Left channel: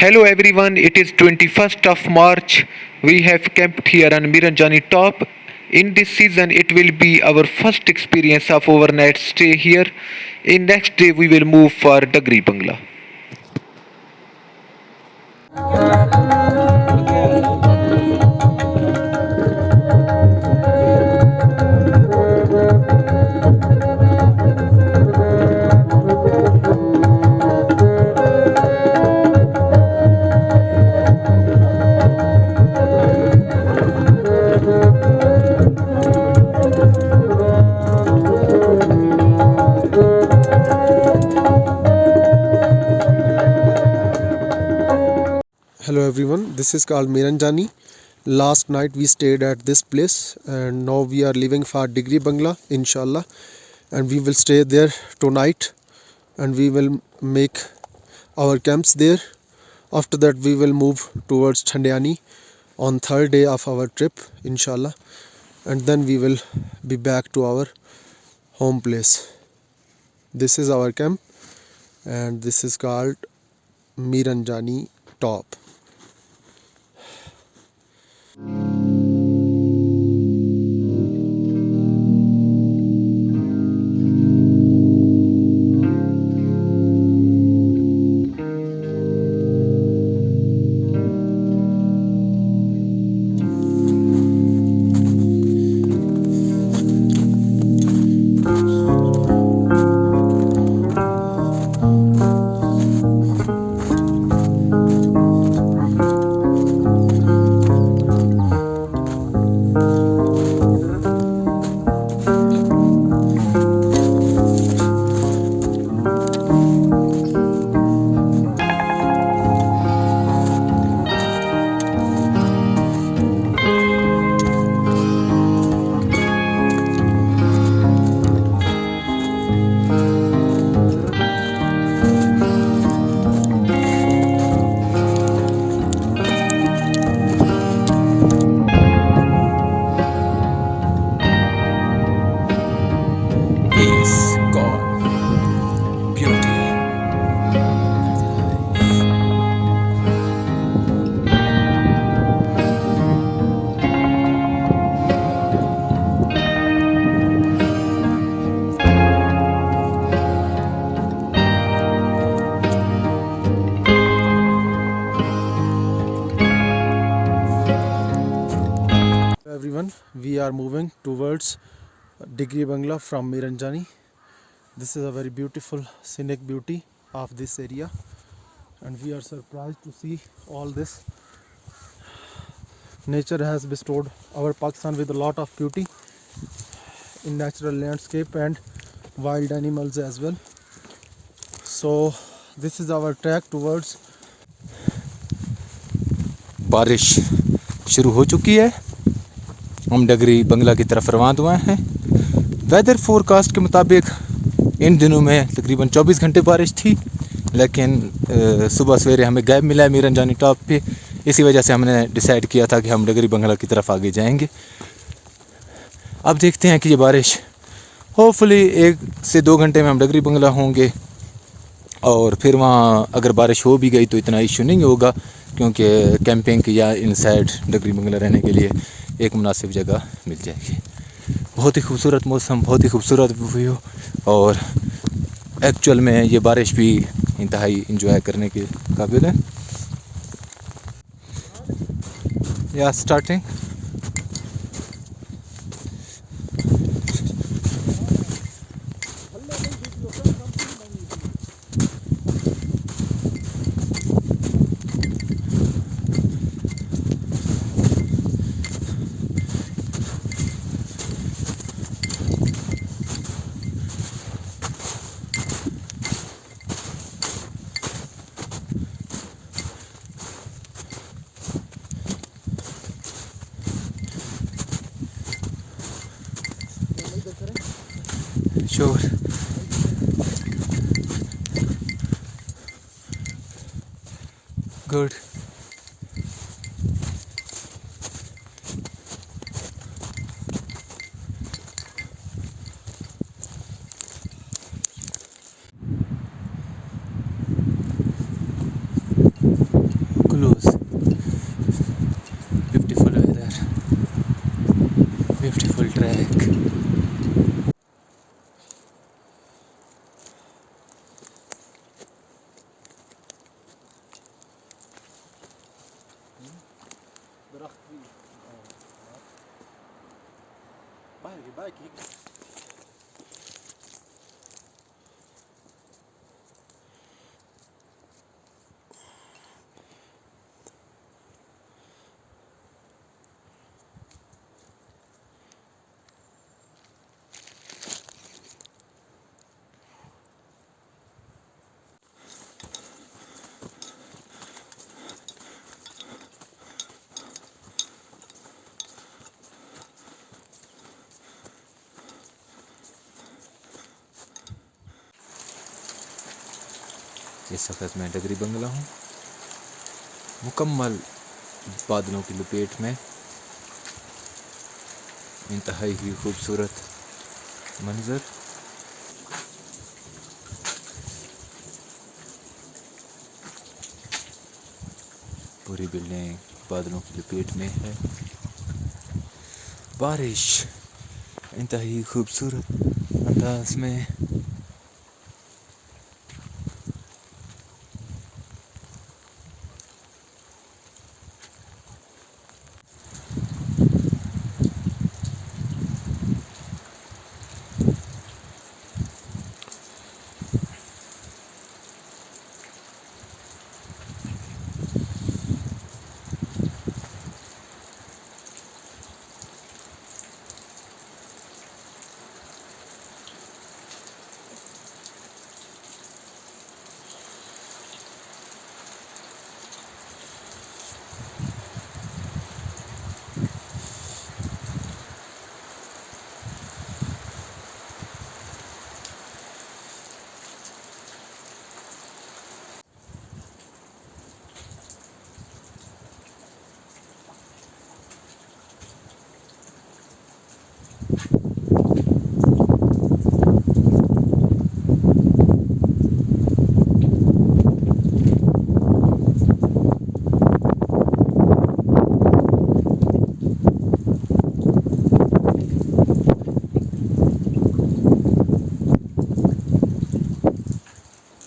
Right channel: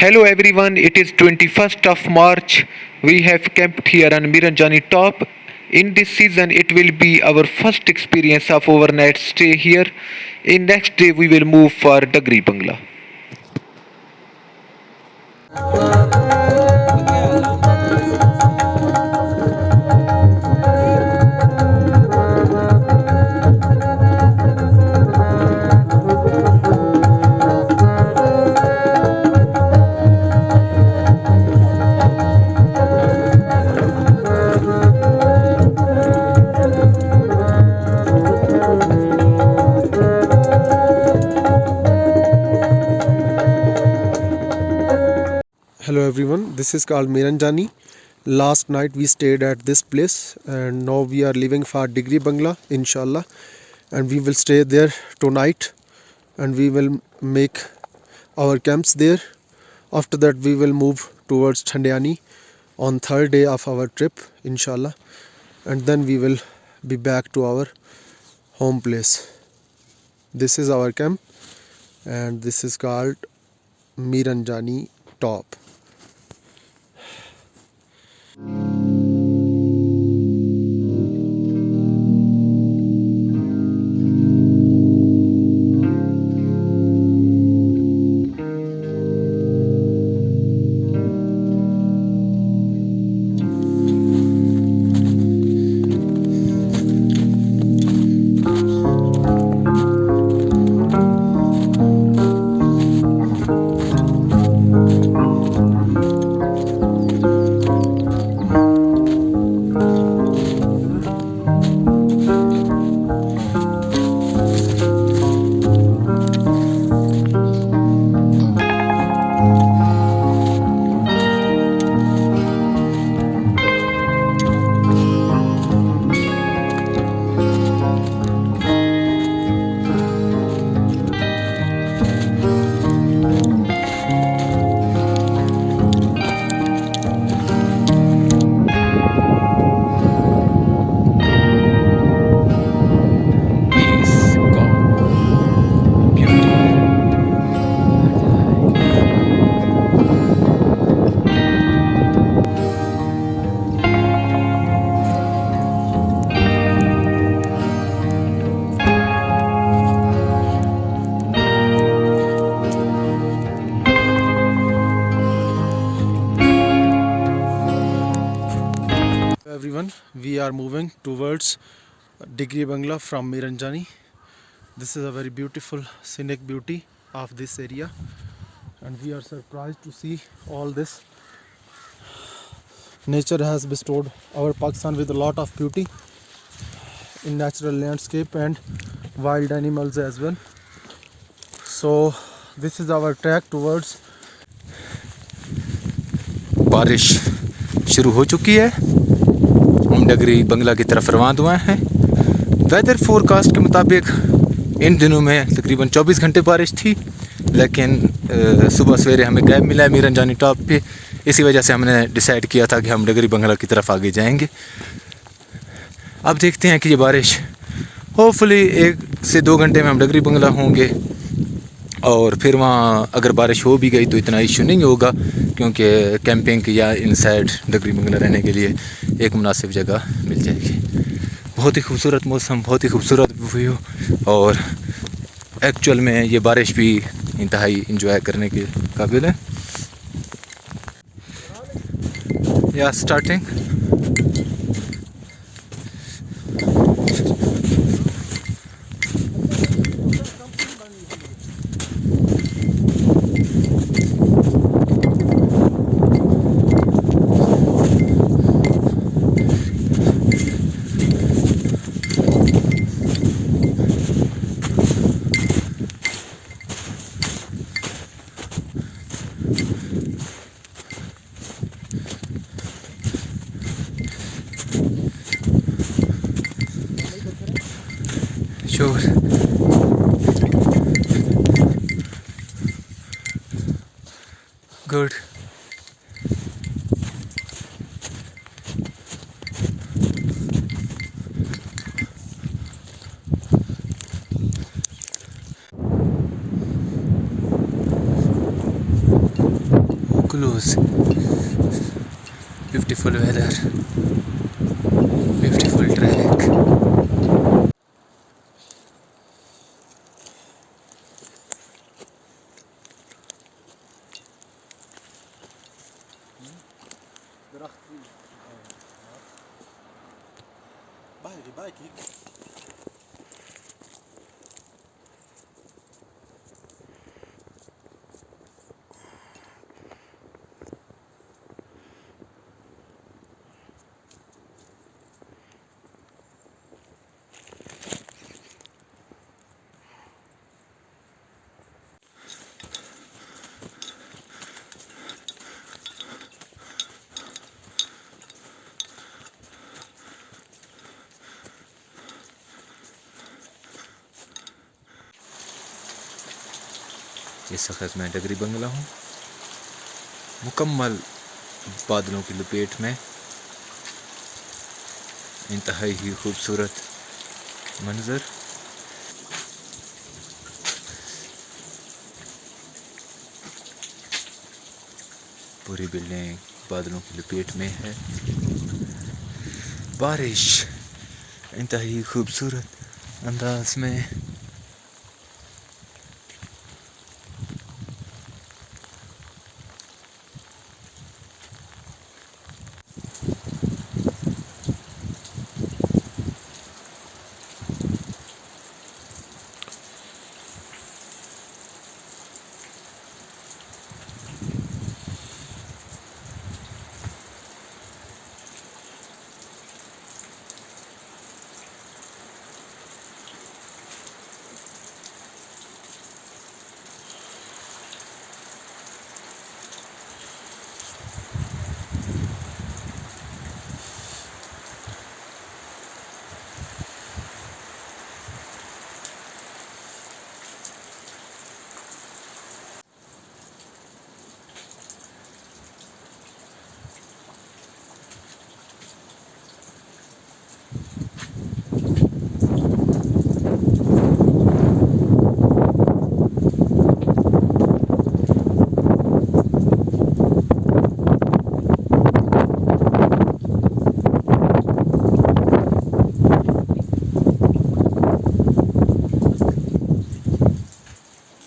Hello everyone, it is 21st of March. We have camped here on MiranJani top. In this season, it will be our first experience of overnight stay here. In next day, we will move for Dagri Bangla. Hello everyone, this is called MiranJani. Last night we stayed at this place and now we are leaving for Dagri Bangla inshallah, and we will stay there tonight and we will make our camps there. After that we will move towards Thandani on third day of our trip inshallah, and then we will be back to our home place. This is our camp and this is called MiranJani top. Everyone, we are moving towards Dagri Bangla from MiranJani. This is a very beautiful scenic beauty of this area, and we are surprised to see all this. Nature has bestowed our Pakistan with a lot of beauty in natural landscape and wild animals as well. So this is our trek towards. बारिश शुरू हो चुकी है, हम डगरी बंगला की तरफ रवाना हुए हैं। वेदर फोरकास्ट के मुताबिक इन दिनों में तकरीबन 24 घंटे बारिश थी, लेकिन सुबह सवेरे हमें गैप मिला है मिरनजानी टॉप पे। इसी वजह से हमने डिसाइड किया था कि हम डगरी बंगला की तरफ आगे जाएंगे। अब देखते हैं कि ये बारिश होपफुली 1 से 2 घंटे में हम डगरी बंगला होंगे, और फिर वहाँ अगर बारिश हो भी गई तो इतना इशू नहीं होगा, क्योंकि कैंपिंग या इनसाइड डगरी बंगला रहने के लिए एक मुनासिब जगह मिल जाएगी। बहुत ही खूबसूरत मौसम, बहुत ही खूबसूरत व्यू, और एक्चुअल में ये बारिश भी इंतहाई इंजॉय करने के काबिल है। या starting Sure. Good. close. Beautiful weather, beautiful track. اس وقت میں ڈگری بنگلہ ہوں، مکمل بادلوں کی لپیٹ میں، انتہائی ہی خوبصورت منظر. پوری بلڈنگ بادلوں کی لپیٹ میں ہے. بارش انتہائی خوبصورت انداز میں